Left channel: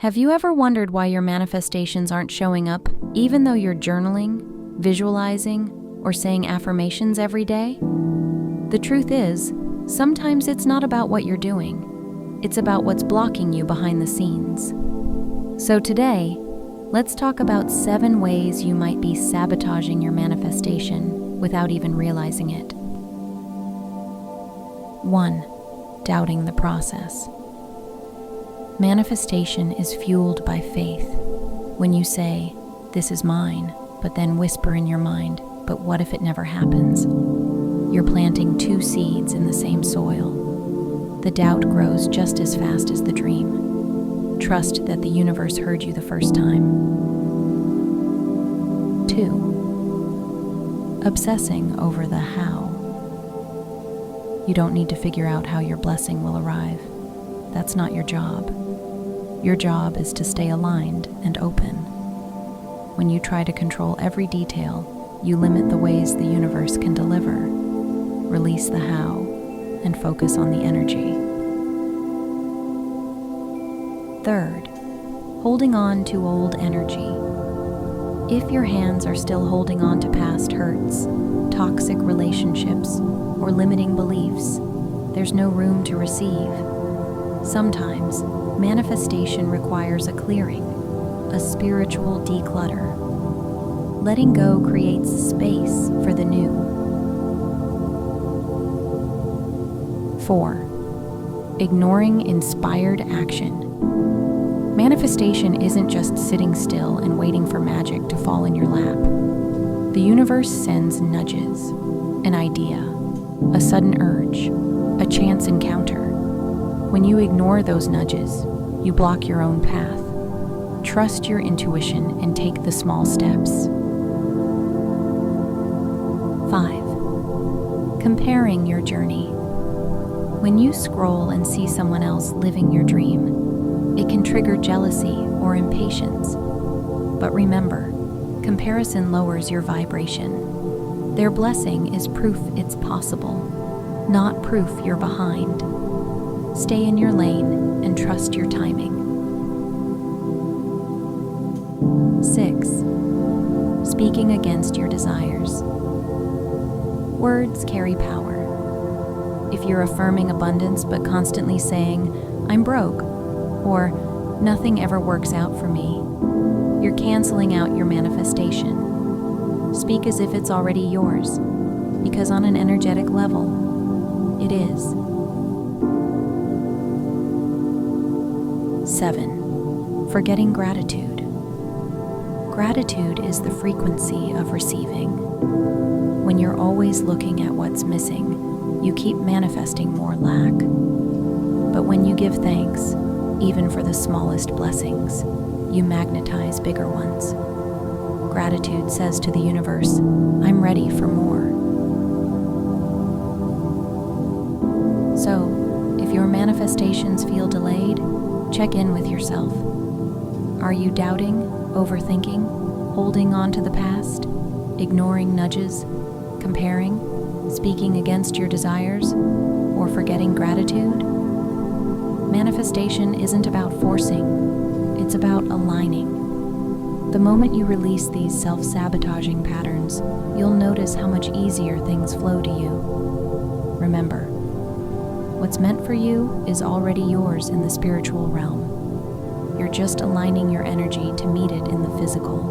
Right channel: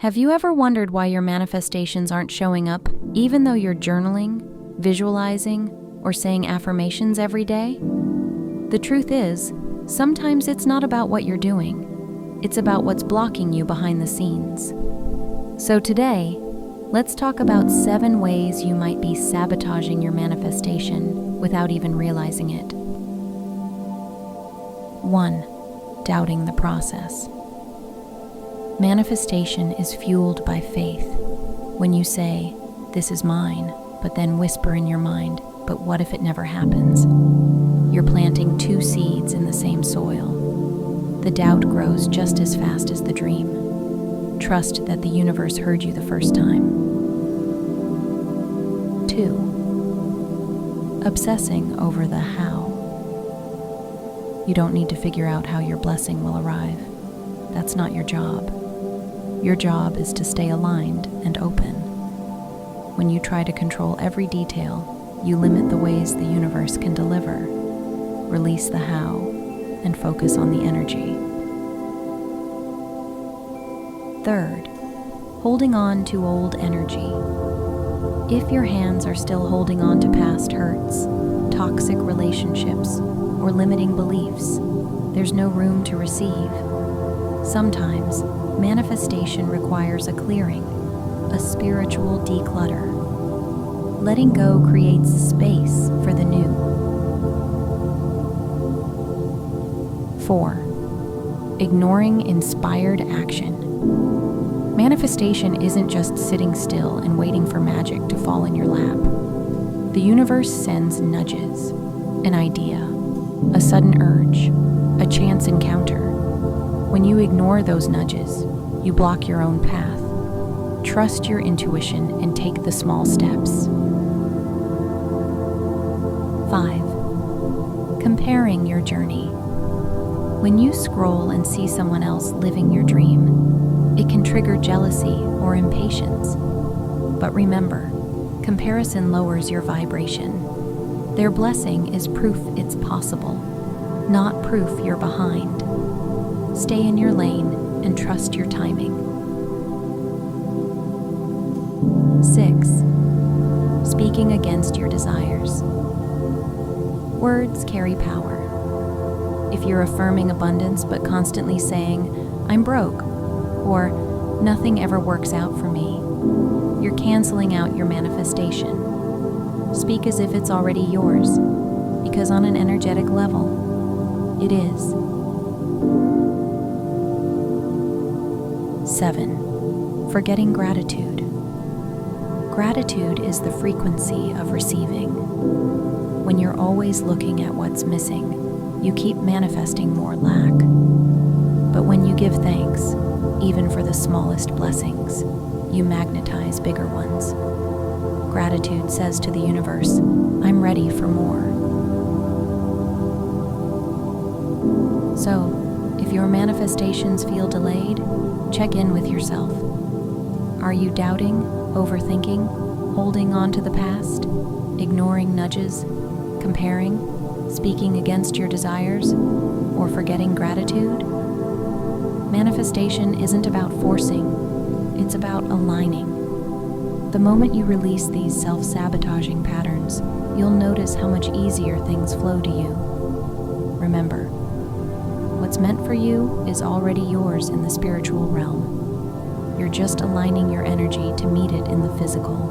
Have you ever wondered why your manifestations aren't showing up, even though you're journaling, visualizing, or saying affirmations every day? The truth is, sometimes it's not about what you're doing. It's about what's blocking you behind the scenes. So today, let's talk about 7 ways you might be sabotaging your manifestation without even realizing it. 1. Doubting the process. Manifestation is fueled by faith. When you say, "This is mine," but then whisper in your mind, "But what if it never happens?" You're planting 2 seeds in the same soil. The doubt grows just as fast as the dream. Trust that the universe heard you the first time. 2. Obsessing over the how. You don't need to figure out how your blessing will arrive. That's not your job. Your job is to stay aligned and open. When you try to control every detail, you limit the ways the universe can deliver. Release the how and focus on the energy. 3. Holding on to old energy. If your hands are still holding on to past hurts, toxic relationships, or limiting beliefs, there's no room to receive. Sometimes, manifestation requires a clearing, a spiritual declutter. Letting go creates space for the new. 4. Ignoring inspired action. Manifestation isn't just sitting still and waiting for magic to fall in your lap. The universe sends nudges, an idea, a sudden urge, a chance encounter. When you ignore those nudges, you block your own path. Trust your intuition and take the small steps. 5. Comparing your journey. When you scroll and see someone else living your dream, it can trigger jealousy or impatience. But remember, comparison lowers your vibration. Their blessing is proof it's possible, not proof you're behind. Stay in your lane and trust your timing. 6. Speaking against your desires. Words carry power. If you're affirming abundance but constantly saying, "I'm broke," or "Nothing ever works out for me," you're canceling out your manifestation. Speak as if it's already yours, because on an energetic level, it is. 7. Forgetting gratitude. Gratitude is the frequency of receiving. When you're always looking at what's missing, you keep manifesting more lack. But when you give thanks, even for the smallest blessings, you magnetize bigger ones. Gratitude says to the universe, "I'm ready for more." So, if your manifestations feel delayed, check in with yourself. Are you doubting, overthinking, holding on to the past, ignoring nudges, comparing, speaking against your desires, or forgetting gratitude? Manifestation isn't about forcing, it's about aligning. The moment you release these self-sabotaging patterns, you'll notice how much easier things flow to you. Remember, what's meant for you is already yours in the spiritual realm. You're just aligning your energy to meet it in the physical.